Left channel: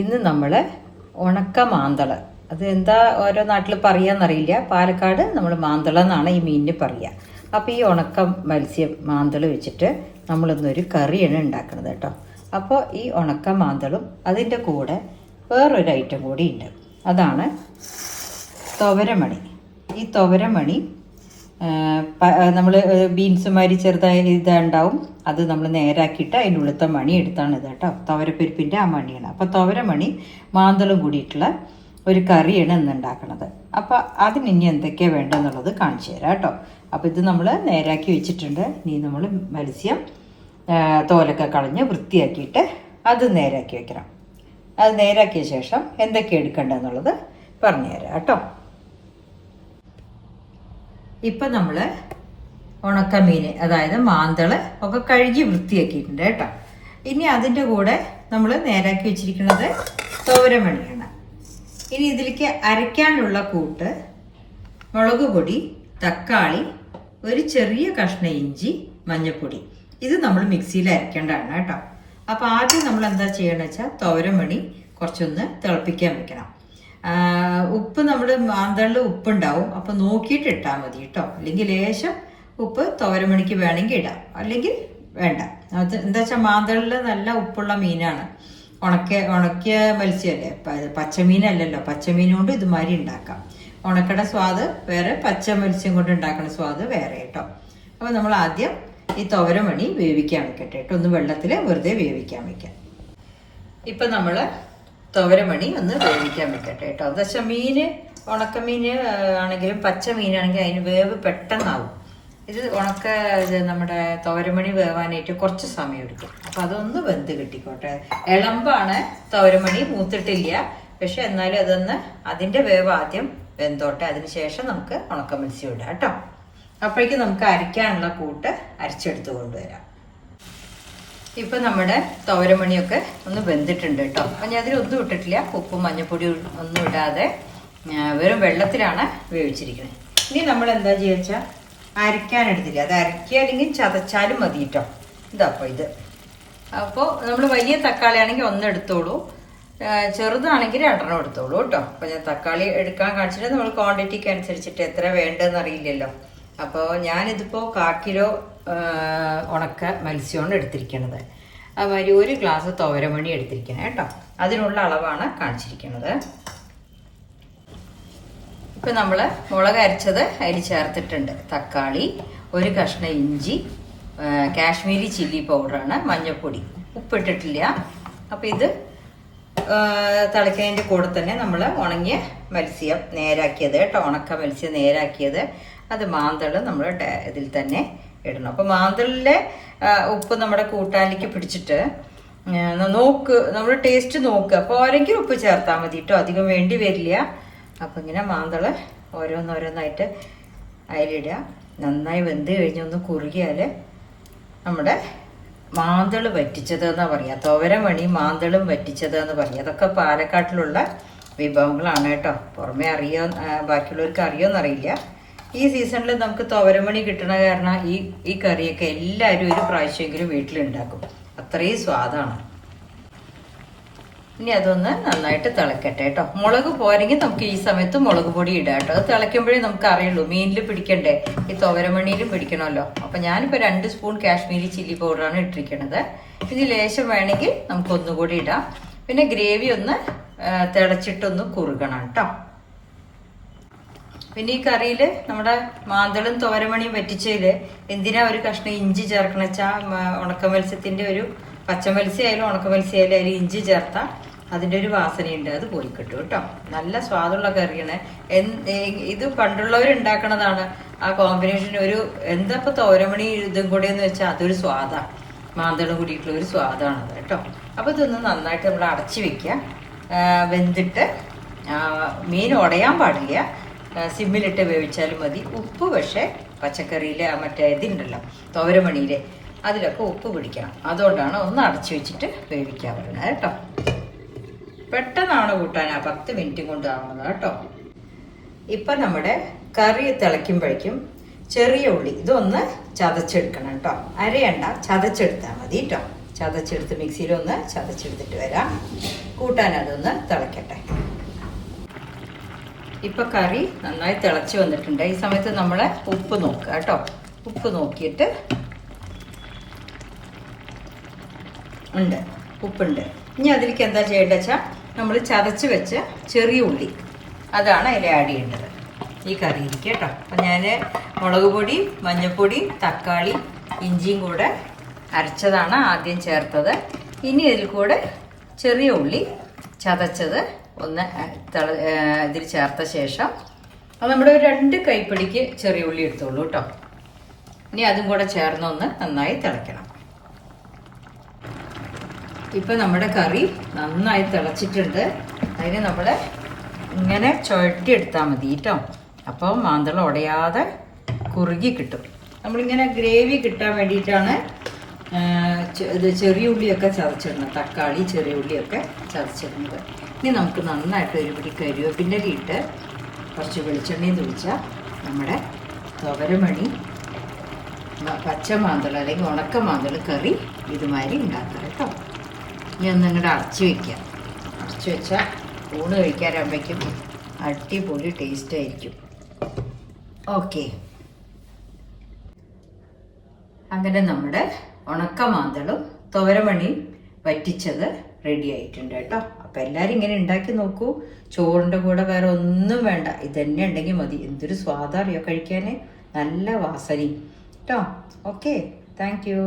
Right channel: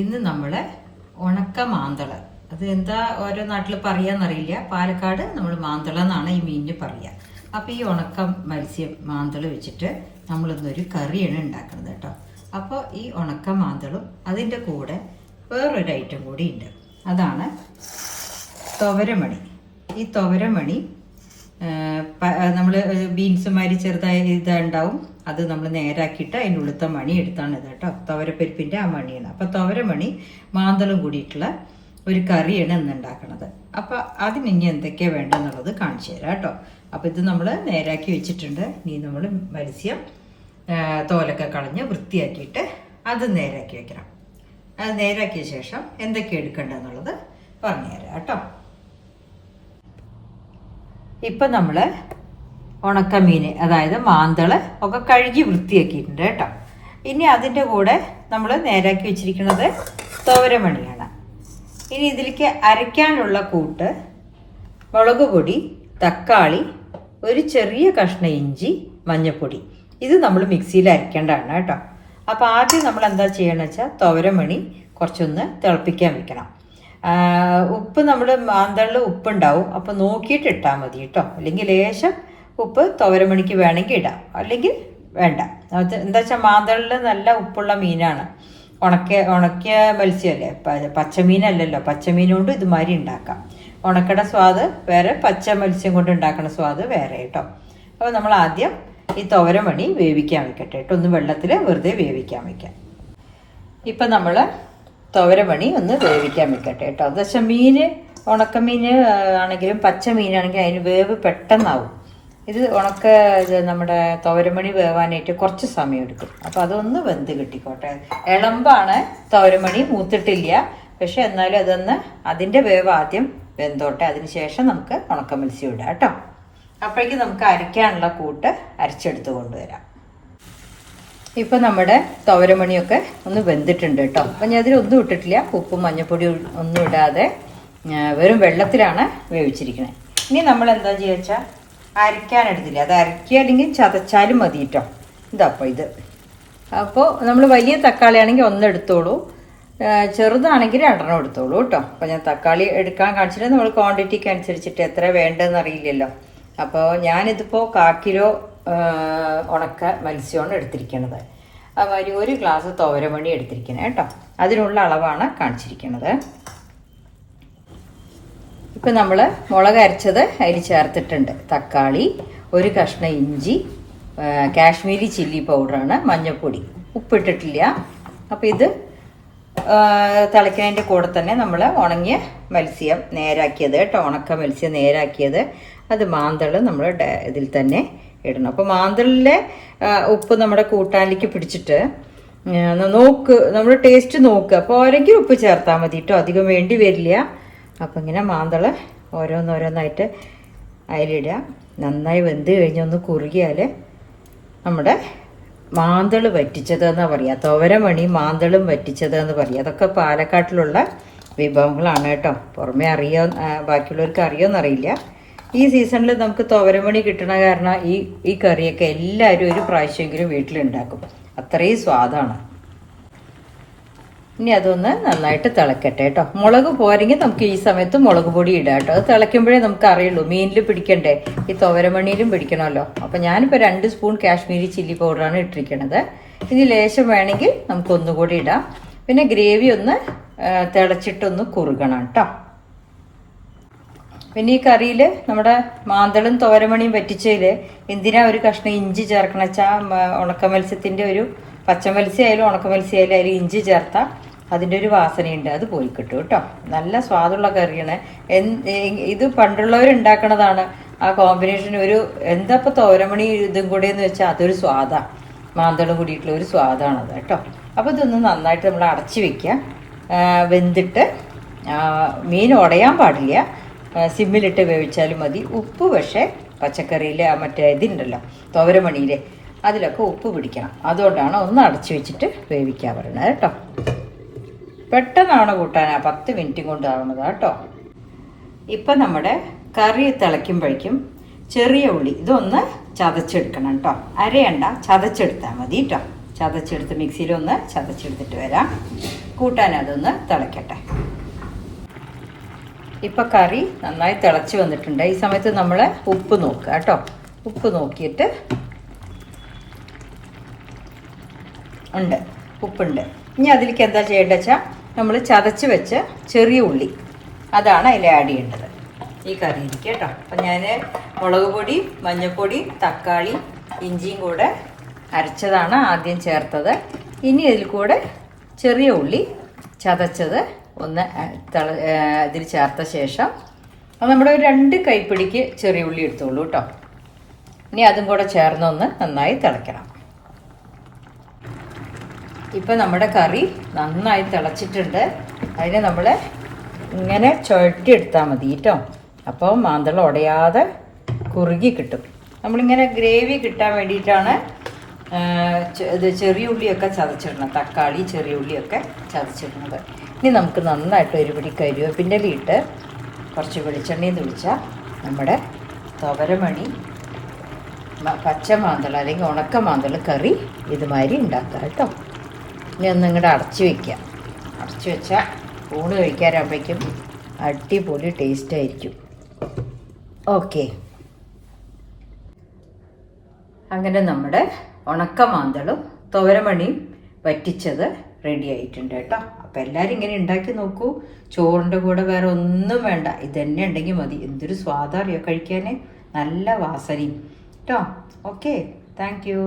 ഇന്ന് നമ്മൾ ഉണക്ക മാന്തള, അത് എന്താ ഓരോ നാട്ടിൽ പറയാന്നറിയില്ല. പാലക്കാട് നമ്മൾ മാന്തള എന്നാണ് ഈ മീനിന് പറയുക. അപ്പോൾ ഈ ഉണക്ക മത്സ്യം മാന്തള വെച്ചിട്ട് നമ്മളിന്നൊരു കറിയാണ് ഉണ്ടാക്കുന്നത് കേട്ടോ. അപ്പോൾ ഈ ഉണക്ക മാന്തളും അതിൻ്റെ കൂടെ വേറൊരു ഐറ്റം കൂടി ഉണ്ട്. അതാണ് തുവരമണി. ഈ തുവരമണി നമ്മൾ ബീൻസുമാരി ചെറുതായി ഇതുണ്ടാവും, അത് നമ്മൾ നേരാക്കിയിട്ട് അതിൻ്റെ ഉള്ളിലത്തെ മണി എടുത്താണ് ഇത് കേട്ടോ. തുവരപ്പരിപ്പിൻ്റെ ആ മണിയാണ്. അപ്പോൾ തുവരമണി മാന്തളും കൂടിയിട്ടുള്ള ഒരു കറിയാണ് ഇന്ന് ഉണ്ടാക്കുന്നത്. അപ്പോൾ അതിന് ഇനി എന്തൊക്കെയാണ് വേണ്ടതെന്നുള്ളത് കാണിച്ചു തരാം കേട്ടോ. അപ്പോൾ ഇത് നമ്മൾ നേരാക്കി വെച്ചിട്ടുണ്ട്. ഇനി നമ്മൾ മത്സ്യം തോലൊക്കെ കളഞ്ഞ് വൃത്തിയാക്കിയിട്ട് അത് നേരാക്കി വെക്കണം. അത് നേരാക്കിയ ശേഷം എന്തൊക്കെ എടുക്കേണ്ടതെന്നുള്ളത് പറഞ്ഞു തരാം കേട്ടോ. ഇപ്പം നമ്മൾ ഉണക്കമീൻ, അതായത് മാന്തള് ഒക്കെ കഴുകി വൃത്തിയാക്കിയിട്ടുണ്ട് കേട്ടോ. ഇനി അതിൻ്റെ കൂടെ നമ്മൾ നേരാക്കി വെച്ചിരിക്കുന്നത് തുവരമണിയാണ്. ഇനി ഇതിലേക്ക് അരയ്ക്കാനുള്ള കൂട്ട് മുളക് പൊടി, തക്കാളി, ഒരു ചെറിയ കഷ്ണം ഇഞ്ചി, മഞ്ഞൾപ്പൊടി. ഇത് നമ്മൾ മിക്സിയിൽ അരയ്ക്കേണ്ടതാണ് കേട്ടോ. അപ്പോൾ ആദ്യം നമ്മൾ എന്താ ചെയ്യണമെന്ന് വെച്ചാൽ തുവരമണി കുറച്ചൊന്ന് തിളപ്പിക്കാൻ വെക്കണം. ഉപ്പ് നമ്മൾ മാന്തളിൽ ഉപ്പുണ്ടാവും, അപ്പോൾ നോക്കിയിട്ട് ഇട്ടാൽ മതി കേട്ടോ. അല്ലെങ്കിൽ ലേശം ഉപ്പ് തുവരമണിക്ക് വേണമെങ്കിൽ ഇടാം, അല്ലെങ്കിൽ വേണ്ട. എന്താ വെച്ചാൽ മാന്തളിൽ നല്ല ഉപ്പുള്ള മീനാണ്. ഉണക്കിയ മത്സ്യമല്ലേ, പച്ചമീനല്ലല്ലോ. പച്ചമീൻ കൊണ്ട് ഇതുമാതിരി ഉണ്ടാക്കാം. ഉണക്കട സ്വാദ് വേറെ, പച്ച മത്സ്യം കൊണ്ട് ഉണ്ടാക്കുന്ന സ്വാദ് വേറെ കേട്ടോ. അപ്പോൾ നമ്മൾ ആദ്യം ഈ തുവരമണി വേവിക്കാൻ വെക്കട്ടെ കേട്ടോ. ഒന്ന് വെള്ളത്തിൽ വെറുതെ വേവിക്കാൻ വെക്കാം. ഇപ്പം നമ്മൾ തുവരമണി ഒന്ന് വേവിക്കാൻ വെക്കട്ടെ കേട്ടോ. അത് വെച്ചാൽ മീൻ, ഉണക്കമീൻ ആണെങ്കിലും പച്ച മീനാണെങ്കിൽ അതിന് വേവ് പെട്ടെന്നാവും. ഇത് നമ്മുടെ തുവരമണി വേവാനായിട്ട് കുറച്ച് സമയം എടുക്കും. അപ്പോൾ അതൊന്ന് വെന്ത് കിട്ടിക്കോട്ടെ. ഇളമ്പാണ് തുവരമണി, മൂത്തിട്ടില്ല. പക്ഷെ എന്നാലും അതൊന്ന് അതിൻ്റെ വേവ് ആദ്യം വെന്തോട്ടെ. അതിന് ശേഷം നമുക്ക് ഉണക്ക മത്സ്യം ഇടാം കേട്ടോ. അപ്പോഴേക്കും നമുക്ക് അരയ്ക്കാനുള്ള കൂട്ട് അരച്ചെടുത്ത് കൊണ്ടുവരാം. ഇപ്പം നമ്മുടെ തുവരമണിയൊക്കെ ഒന്ന് വെന്തിട്ടുണ്ട് കേട്ടോ. അപ്പം ഞാൻ അതിലൊന്നും ഇട്ടിട്ടില്ല, ഉപ്പും മഞ്ഞൾപ്പൊടി ഒന്നും ഇടാതെ വെറും വെള്ളത്തിലാണ് വേവിച്ചിരിക്കുന്നത്. ഇനി നമ്മൾ എന്താ ചെയ്യുക വെച്ചാൽ അരയ്ക്കാനെടുത്തില്ല, അത് അരയ്ക്കുക അല്ലെങ്കിൽ ചതച്ചാലും മതി കേട്ടോ. ഇതപ്പോൾ ഇത് അപ്പോൾ നമ്മൾ വലിയ തക്കാളി ആണെങ്കിൽ ഒന്നെടുത്തോളൂ, ചെറുതാണെങ്കിൽ രണ്ടെണ്ണം എടുത്തോളൂ കേട്ടോ. അപ്പോൾ ഞാൻ തക്കാളി എടുക്കാൻ കാണിച്ചിട്ട് നമ്മൾ ക്വാണ്ടിറ്റിക്ക് അനുസരിച്ചിട്ട് എത്ര വേണ്ടതെന്ന് അറിയില്ലല്ലോ. അപ്പോൾ ഞാനിതിപ്പോൾ 1/4 കിലോ ഉണക്ക മത്സ്യമാണ് എടുത്തിരിക്കുന്നത്. അതുമാതിരി 1 ഗ്ലാസ് തുവരമണി എടുത്തിരിക്കുന്നത് കേട്ടോ. അതിനുള്ള അളവാണ് കാണിച്ചിരിക്കുന്നത്. ഇപ്പം നമ്മൾ മുളക് അരച്ചത് അതിൽ ചേർത്തിട്ടുണ്ട്. തക്കാളി, ഒരു കഷ്ണം ഇഞ്ചി, കാശ്മീരി ചില്ലി പൗഡറാണ്, മഞ്ഞൾപ്പൊടി, ഉപ്പിട്ടിട്ടില്ല. അപ്പോൾ ഇത് തിളയ്ക്കുന്നതിൻ്റെ കൂടെ തന്നെ നമ്മൾ ഉണങ്ങിയ മത്സ്യം നേരാക്കിയത് കേട്ടോ. ഉണക്ക മത്സ്യം നേരാക്കിയത് അത് മാന്തള് നമ്മൾ ഇതിൽ തന്നെ ഇടണം. അപ്പോൾ മാന്തളിലെ ഉപ്പ് നമ്മുടെ കൂട്ടാനിലേക്ക് പിടിച്ചിട്ട് നമ്മൾ ടേസ്റ്റ് നോക്കുക. അപ്പോൾ ഓരെങ്കിലും ഉപ്പ് ചേർത്താൽ മതി കേട്ടോ, അധികം വേണ്ടി വരില്ല. അപ്പം ഇങ്ങനെ മാന്തള് ഓരോന്നോരോന്നായിട്ട് അതിലിടുക. നന്നായി വെന്ത് കഴിഞ്ഞൊന്ന് കുറുകിയാൽ നമ്മുടെ മാന്തള് വറ്റിച്ചതെന്ന് പറയുക. തുവരമണി മാന്തളും വറ്റിച്ചതെന്ന് പറയുക. അതൊക്കെ പാലക്കാട്ടിലുള്ള വിഭവങ്ങളാണ് കേട്ടോ. പുറമെ ബാക്കിയുള്ളവർക്ക് അറിയുമെന്നറിയില്ല. ഈ സീസണിൽ നമുക്ക് തുവരമണി കിട്ടണ കാരണം ഈ കറിയൊക്കെ എല്ലാവരും ഒരു പ്രാവശ്യമെങ്കിലും വീട്ടിലുണ്ടാക്കും. അത്രയും സ്വാദാണ്. ഇനി അതൊന്ന് നന്നായിട്ട് തിളക്കട്ടെ കേട്ടോ. മുളക് പോരെങ്കിൽ നമുക്ക് ഈ സമയത്ത് മുളക് പൊടി ഇടാം കേട്ടോ. അത് തിളയ്ക്കുമ്പോഴേ നമുക്ക് അറിയുള്ളൂ. മീനിൽ പിടിക്കണ്ടേ, ഈ തുവരമണിയിലും പിടിക്കണമല്ലോ. അപ്പോൾ ഞാനിപ്പോൾ 2 സ്പൂൺ കാശ്മീരി ചില്ലി പൗഡറാണ് ഇട്ടിരിക്കുന്നത്. ഇനി ലേശം വേണമെങ്കിൽ നമുക്ക് ഒന്നുകൂടി ഇടാം. പിന്നെ ഗ്രേവി ഒന്ന് തിളച്ചിട്ടൊന്ന് കുറുകണം കേട്ടോ. പിന്നെ ഈ കറിയിൽ നമ്മുടെ മാന്തളും തുവരമണിയും വറ്റിച്ചതിൽ എന്തിനാ ഒരു കഷ്ണം ഇഞ്ചി ചേർക്കണം വെച്ചാൽ ഉണക്ക മത്സ്യത്തിൻ്റെ ഒരു പച്ച മത്സ്യമായാലും ഉണക്ക മത്സ്യമായാലും അതിൽ ഇഞ്ചി ചേർത്താൽ അതിൻ്റെ ഒരു വാസനയുണ്ട്, അത് പോയി കിട്ടും കേട്ടോ. നല്ല സ്വാദുള്ള കറിയാണ്. ഇത് പണ്ടുള്ളവരുണ്ടാക്കണതാണ്. ആ കോമ്പിനേഷൻ എന്താ ഇപ്പോൾ തുവരമണി ഇതും കൂടി എന്ന് വെച്ചാൽ അതൊരു സ്വാദാണ്. മാന്തളും കൂടിയിട്ടുള്ള ഒരു സ്വാദാണത് കേട്ടോ. അപ്പോൾ ഇതൊന്ന് നന്നായിട്ട് നമ്മൾ അടച്ചു വെക്കുക. വെന്തിട്ട് മീൻ ഉടയാൻ പാടില്ല, സിമ്മിലിട്ട് വേവിച്ചാലും മതി. ഉപ്പ് പക്ഷേ പച്ചക്കറിയിൽ മറ്റേ ഇതുണ്ടല്ലോ തുവരമണിയിൽ, അതിലൊക്കെ ഉപ്പ് പിടിക്കണം. അതുകൊണ്ടാണ് ഒന്ന് അടച്ചു വെച്ചിട്ട് വേവിക്കാൻ പറയുന്നത് കേട്ടോ. പെട്ടെന്നാണ് കൂട്ടാൻ, 10 മിനിറ്റും കൊണ്ടാവുന്നത് കേട്ടോ. ഇപ്പം നമ്മുടെ കറി തിളയ്ക്കുമ്പോഴേക്കും ചെറിയ ഉള്ളി ഇതൊന്ന് ചതച്ചെടുക്കണം കേട്ടോ. അരയണ്ട, ചതച്ചെടുത്താൽ മതി കേട്ടോ. ചതച്ചെടുത്ത് മിക്സിയിലൊന്ന് ചതച്ചെടുത്തിട്ട് വരാം. കൂട്ടാൻ അതൊന്ന് തിളയ്ക്കട്ടെ. ഇപ്പം കറി നന്നായി തിളച്ച് വന്നിട്ടുണ്ട്. ഈ സമയത്ത് നമ്മൾ ഉപ്പ് നോക്കുക കേട്ടോ. ഉപ്പ് നോക്കിയിട്ട് ഉണ്ട്, ഉപ്പുണ്ട്. ഇനി അതിലേക്ക് എന്താ ചെയ്യേണ്ടത് വെച്ചാൽ നമ്മൾ ചതച്ച് വെച്ച ചെറിയ ഉള്ളി അതാണ് അതിൽ ആഡ് ചെയ്യേണ്ടത് ഈ കറിയിലേക്ക് കേട്ടോ. അപ്പം ഞാൻ മുളക് പൊടി, മഞ്ഞൾപ്പൊടി, തക്കാളി, ഇഞ്ചിയും കൂടെ അരച്ചതാണ് ആദ്യം ചേർത്തത്. ഇനി ഇതിൽ കൂടെ ചെറിയ ഉള്ളി ചതച്ചത് ഒന്ന് ഇതിൽ ചേർത്ത ശേഷം അത് നമ്മൾ 2 കൈപ്പിടിക്ക് ചെറിയ ഉള്ളി എടുത്തോളൂ കേട്ടോ. ഇനി അതും കൂടെ ചേർന്നൊന്ന് നന്നായി തിളയ്ക്കണം. ഇപ്പം നമ്മുടെ കറി നന്നായി തിളച്ചിട്ടുണ്ട്. അതിന് നമ്മൾ ഇങ്ങനെ ചുഴറ്റിയെടുത്താൽ മതി കേട്ടോ. അപ്പോൾ മാന്തളം ഉടയാതെ കുറുകി കിട്ടും. നമ്മളിങ്ങനെ ഗ്രേവി കിട്ടാൻ വേണ്ടിയിട്ടാണ് ഇത് ചെറിയ ഉള്ളിയൊക്കെ ചതച്ചിടണം. തക്കാളി, ചെറിയ ഉള്ളിയൊക്കെ ചതച്ചിടുന്നത്. ഇനി നമുക്ക് നന്നായിട്ട് ഒരു പിടി കരിവേപ്പിൻ്റെ ഇട്ട് കുറച്ച് വെളിച്ചെണ്ണയും തെളിച്ചാൽ നമ്മുടെ തുവരമണി പച്ച മാന്തളം അല്ലെങ്കിൽ ഉണക്ക മാന്തളം കറി ഇതുമാതിരി ഉണ്ടാക്കാം കേട്ടോ. ഇനി ഒന്ന് ഇങ്ങോട്ട് അടച്ചു വയ്ക്കാം. അടച്ചു വെച്ചാൽ ഊണ് കഴിക്കാനാകുമ്പോഴേക്കും അടിപൊളി ടേസ്റ്റ് ആയിരിക്കും. ഓക്കെ, അങ്ങനെ നമ്മുടെ ഉണക്ക മാന്തളും തുവരമണിയും വറ്റിച്ചത് റെഡി ആയിട്ടുണ്ട് കേട്ടോ. അപ്പം എല്ലാവരും ഇങ്ങനെ ഉണ്ടാക്കി നോക്കൂ. ചോറിൻ്റെ കൂടെ വേറെ ഒന്നും വേണ്ട, ഇതന്നെ ഉണ്ടെങ്കിൽ മതി. എന്തൊരു സ്വാദറിയോ കഴിക്കാൻ, നല്ല വാസനയും കേട്ടോ. Okay, thank you.